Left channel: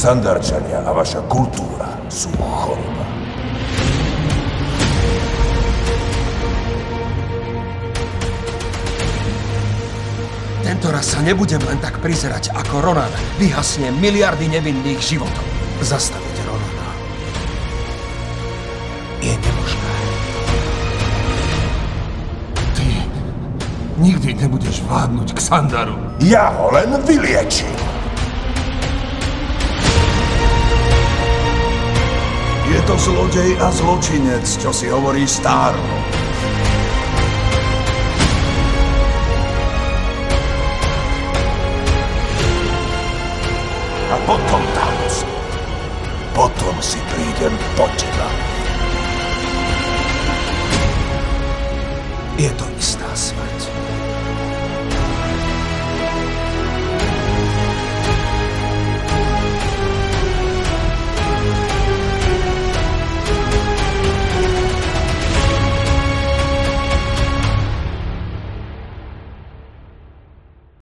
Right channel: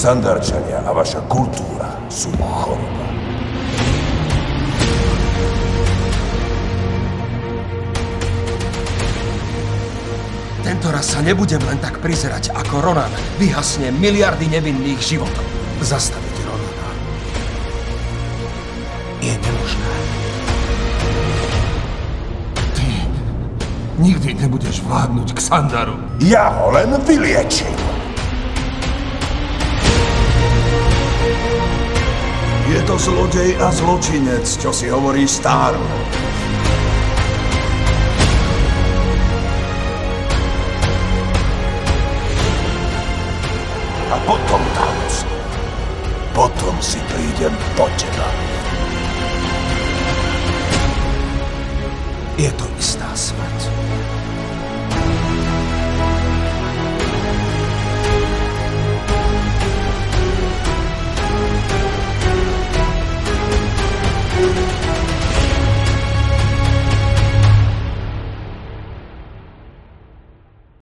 Xandarčania a vaša kultúra sú choroba. Tento raz sa nebudem len tak prizerať, ako Ronan vyhasne miliardy nevinných životov. Zastaviť Ronana je nemožné. Ty nikdy nebudeš vládnuť Xandaru. Ja ho len vyliečím. Je to zlodej a zločinec, čo si hovorí Star-Lord. A potom, Thanos, potom si prídem po teba. Je to istá smrť.